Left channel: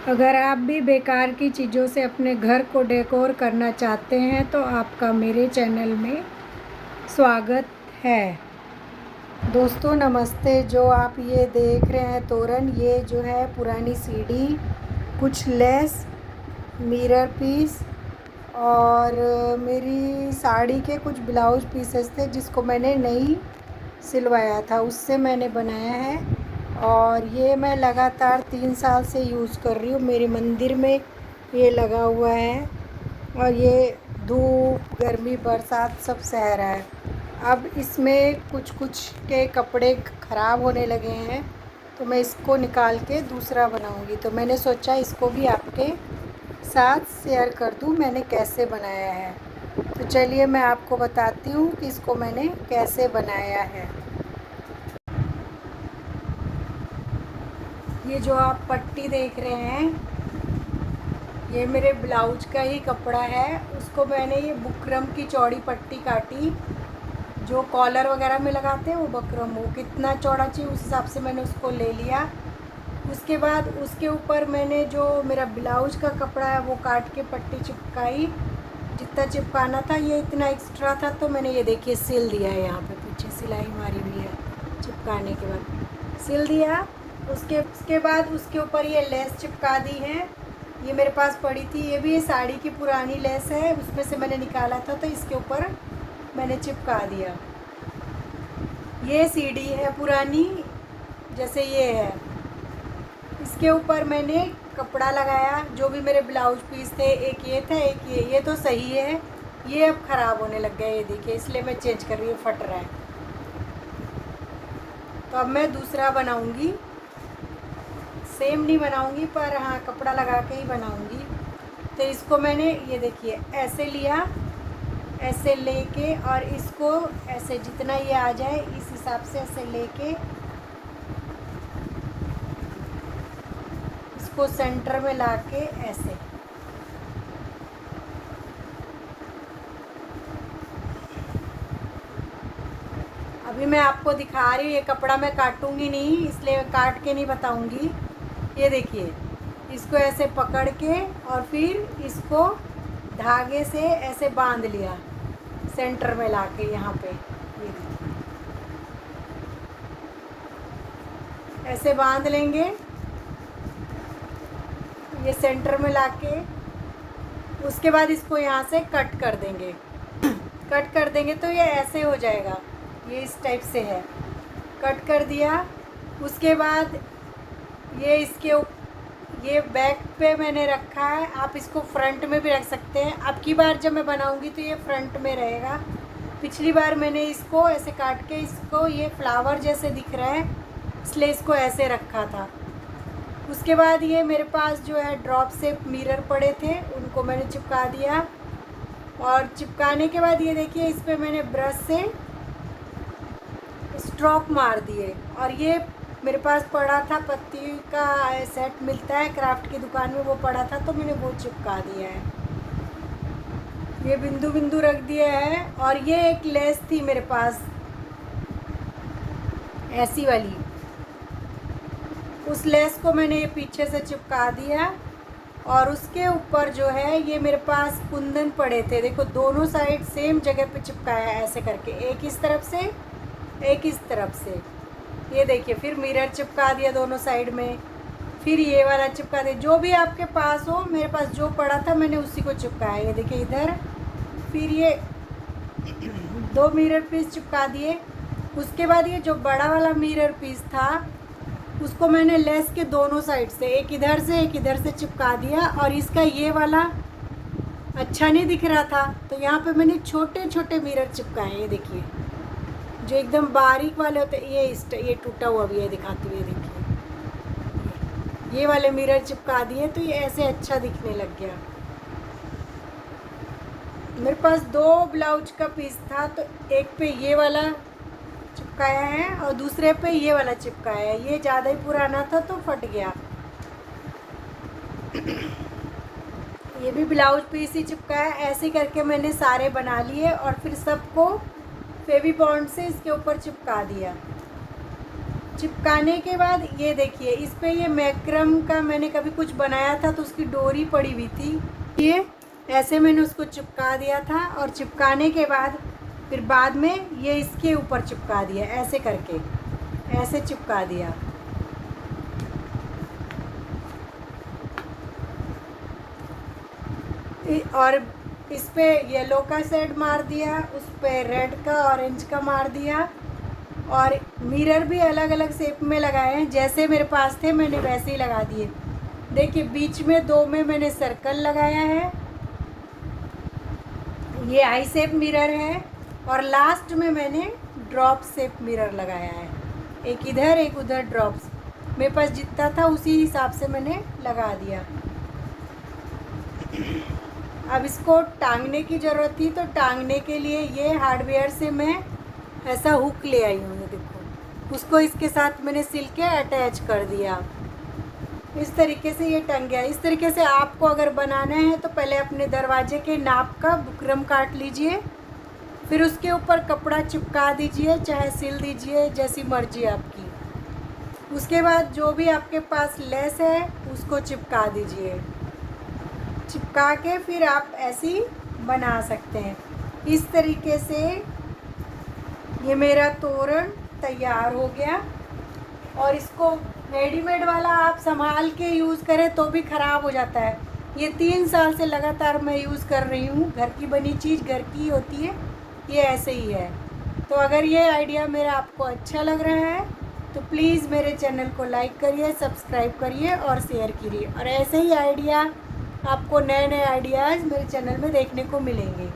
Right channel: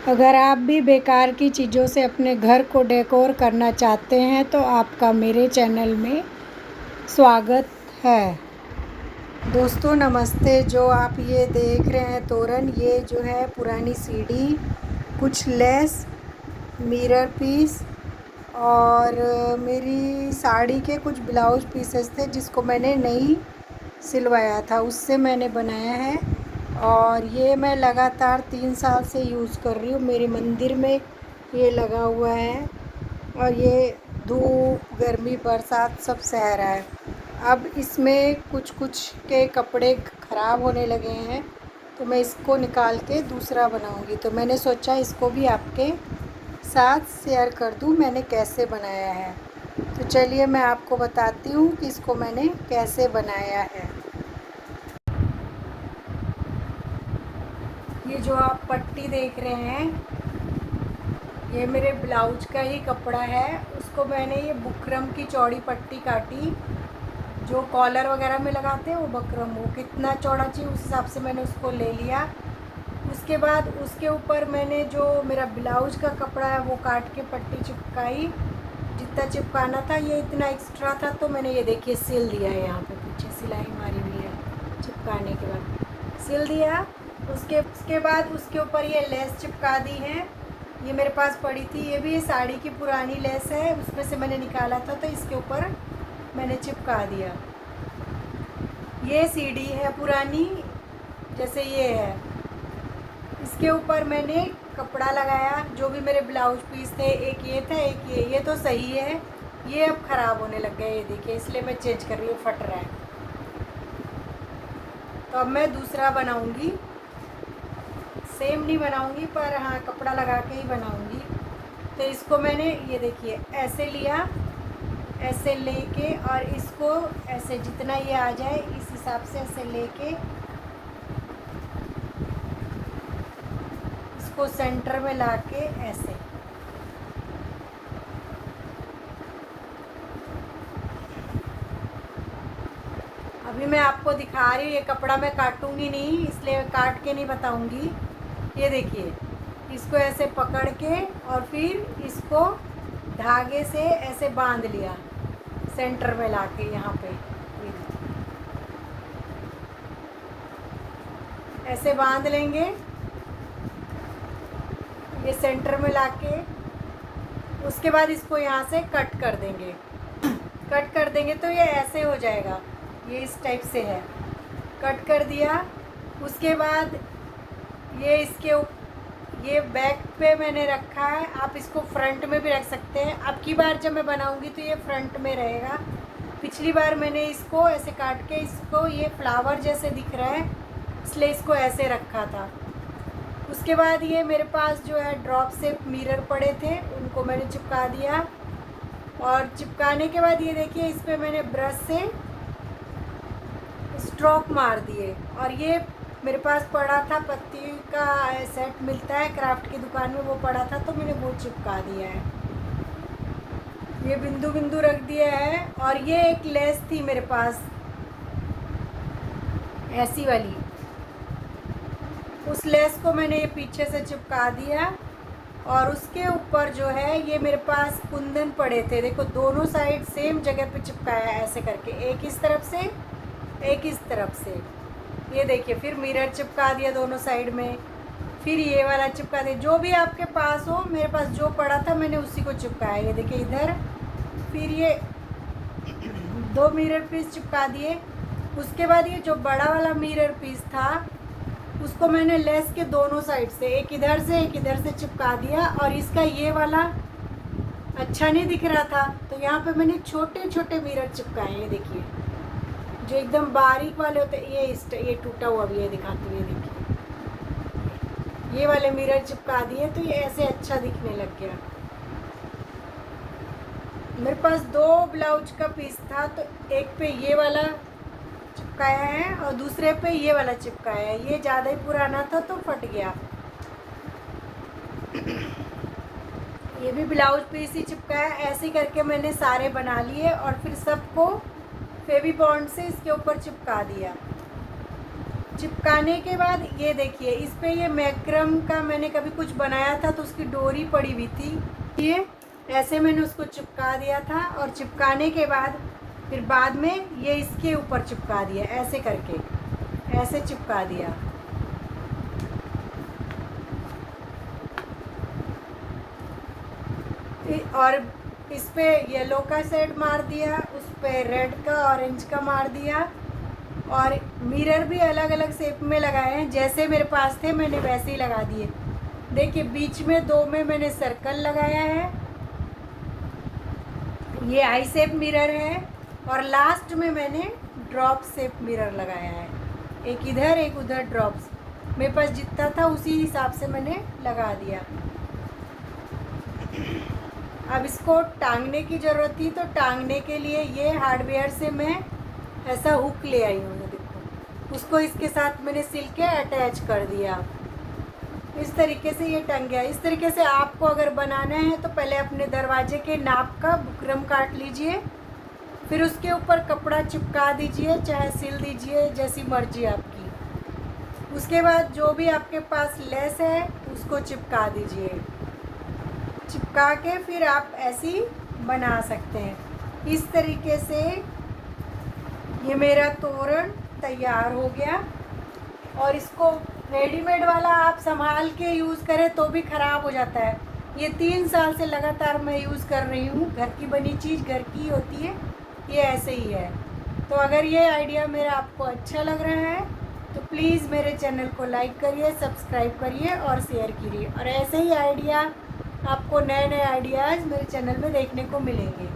अगर आप भी बेकार की चीज़ों से अपने घर को डेकोर करना चाहते हैं तो आपका मेरे चैनल में स्वागत है। दोस्तों नमस्ते। जो आप ये देख रहे हैं तोरण, ये जो है पुरानी सीढ़ी, कुछ लेस, मिरर पीस और मेरी साड़ी के कुछ ब्लाउज पीसेस थे जिसको मैंने नहीं सिलवाया था, उससे मैंने बनाया है। और ये मैं लगातार 3 साल से यूज़ कर रही हूँ। मेरे मंदिर में ये लगा हुआ है और ये धूप, गर्मी, बरसात सब सह रहा है। अब इसमें कुछ कुछ के कपड़े ख़राब होने लगे हैं तो मैं इसको निकाल के दूसरा बनाऊंगी। तो मैंने सोचा इसको भी आपके साथ शेयर कर दूं मैंने कैसे बनाया है। तो चलिए मैं आपको बताती हूँ कि इसको मैंने कैसे बनाया है। ये जो आप पट्टी देख रहे हैं ये मेरे ब्लाउज का ही कपड़ा है। उसको मैंने ये बुकरम की चौड़ी पट्टी काटी, जो कॉलर वगैरह में लगाते हैं वो बकरम, वो कितना चौड़ा चाहिए उस हिसाब से मैंने उसको ले लिया। उसके बाद उसके ऊपर मैंने जो मेरा ब्लाउज का कपड़ा है वो काट के पट्टी चिपकाई, जितना चिपकाना था। ये इतना एक्स्ट्रा था तो मैंने ये देखिए सिल दिया है। यहाँ पे पीछे सिलाई मारी हुई है, चिपकाने के बाद सिल दिया। उसके बाद उसके ऊपर ये लेस चिपका दी है। ये मेरे पास पड़ी थी, ये भी ये साड़ी की पुरानी लेस है, उसमें से मैंने निकाला था तो इसके ऊपर मैंने चिपका दिया। ये सीढ़ी है पुरानी, जैसे ये है, इसके ऊपर मैंने कपड़ा लगाया। जो भी मेरे ब्लाउज पीस थे, एक ये था एक ये तो सही है, ये अब ख़राब होने लग गया, ये देखिए, इसलिए मैं चेंज कर रही हूँ, फट रहा है। तो अब मैं दूसरा बनाऊंगी, सेम नहीं बनाऊंगी पर हाँ कपड़ा लगा के ही बनाऊंगी। तो इसको मैंने ये देखिए ऐसे लिया, ऐसे लेके और इसको ऐसे जितना ये आ जाए इस हिसाब से ऐसे लेके इसको सेंटर में लाके ऐसे अभी मैं आपको दिखा रही हूँ। ये कपड़ा मैं काटूंगी नहीं, इसलिए काट के नहीं बताऊंगी। ये देखिए, इसको ऐसे पकड़ के और फिर इसको धागे से ऐसे बांध लिया सेंटर में लाके यहाँ पे। ये देखिए ऐसे बांध लेंगे, ये सेंटर में लाके। उसके बाद इसको यहाँ से कट कर देंगे। कट कर देंगे तो ये ऐसे हो जाएगा, ये इस टाइप से है। कट कर दिया। उसके बाद ये ये बैक पे मैंने रखा है। आप इसको फ्रंट में भी रख सकते हैं। अब की बार जब मैं बनाऊंगी तो ये फ्रंट में रहेगा। पिछली बार मैंने इसको ऐसे काट के, इसको ये फ्लावर जैसे दिख रहा है इसलिए इसको ऐसे रखा था। उसके बाद ये मेरे पास जो है ड्रॉप से मिरर पड़े थे, उनको मैंने चिपका दिया। और चिपकाने के बाद ये देखिए, इस पर मैंने ब्रश से स्ट्रोक मार दिए। और ये मेरे पास पड़ा था, पत्ती का सेट मिलता है क्राफ्ट की दुकान में, वो पड़ा था तो मैंने वो चिपका दिया है। ये बिंदु बिंदु रख दिया है। और ये एक लेस थी मेरे पास ऐसी वाली, उस लेस को मैंने ये पीछे से चिपका दिया। और उसके ऊपर जो है ये मेरे पास कुंदन पड़े थे, देखो दोनों साइड सेम जगह पे चिपकाया ऐसे करके, एक इस तरफ से एक इस तरफ से। ये देखिए, फिर मिरर चिपका दिया दोनों साइड में, फिर ये वाला चिपका दिया। जो भी आपके पास हो, मेरे पास जो पड़ा था मैंने उसी को चिपकाया। ये देखिए इधर, फिर ये 2 मिरर पीस चिपका दिए। उसके बाद ये जो बड़ा वाला मिरर पीस था उसको मैंने लेस के दोनों साइड से, एक इधर से चिपका दिया। और इसका ये वाला अच्छा नहीं दिख रहा था तो यहाँ पे मैंने छोटे छोटे मिरर चिपकाए। ये देखिए, जो एकदम बारीक वाले होते हैं, ये टूटा हुआ भी है, दिखाती हूँ। ये देखिए, ये वाले मिरर चिपका दिए तो ये ऐसे अच्छा दिखने लग गया। मेरे पास 2 ब्लाउज का पीस था तो एक पे ये वाला चिपकाया है और दूसरे पे ये वाला चिपकाया है। ये ज़्यादा ही पुराना था तो फट गया। ये भी ब्लाउज पीस ही चिपकाया। ऐसे करके मैंने सारे बना लिए और फिर सबको फेवी बॉन्ड से इसके ऊपर चिपका दिया। चिपकाने के बाद ये देखिए, इस पे ये मैक्रम का मैंने कभी कुछ बनाया था तो उसकी डोरी पड़ी हुई थी, ये ऐसे मैंने उसको चिपका दिया था। और चिपकाने के बाद फिर बाद में ये इसके ऊपर चिपका दिया, ऐसे करके ऐसे चिपका दिया। और इस पे येलो का शेड मार दिया, उस पे रेड का, ऑरेंज का मार दिया। और मिरर भी अलग अलग शेप में लगाए हैं, जैसे मेरे पास थे मैंने वैसे ही लगा दिए। देखिए बीच में 2 में मैंने सर्कल लगाया है, ये आई शेप मिरर है। और लास्ट में मैंने ड्रॉप शेप मिरर लगाया है, एक इधर एक उधर ड्रॉप्स। मेरे पास जितना था उसी हिसाब से मैंने लगा दिया। अब इसको टांगने की ज़रूरत थी, तो टांगने के लिए ये हार्डवेयर से मैं ऐसा हुक ले आई हूँ, देखो उसको इसके साथ मैंने सिल के अटैच कर दिया। इस तरीके से ये टंग गया। इस तरीके से आपको अगर बनाना है तो पहले अपने दरवाजे के नाप का बुकरम काट लीजिए, फिर उसके ऊपर कपड़ा चिपका दीजिए, चाहे सिल दीजिए, जैसी मर्जी आपकी। उसके बाद जो भी आपके पास लेस है उसको चिपका दीजिए। चिपका के फिर आप ऐसी बना सकते हैं। इस तरीके से ये मेरा तोरण तैयार हो गया। और इसको रेडीमेड वाला आप संभाल के यूज़ करें तो भी ख़राब हो जाता है। ये 3 साल से लगातार मैं यूज़ कर रही हूँ। घर की बनी चीज़ घर की होती है, ये ऐसे ही है। तो अगर ये आइडिया मेरा आपको अच्छा लग रहा है तो प्लीज़ मेरे चैनल को लाइक करिए, सब्सक्राइब करिए और शेयर करिए। और ऐसे ही आइडिया आपको नए नए आइडियाज़ मेरे चैनल में देखने को मिलेंगे।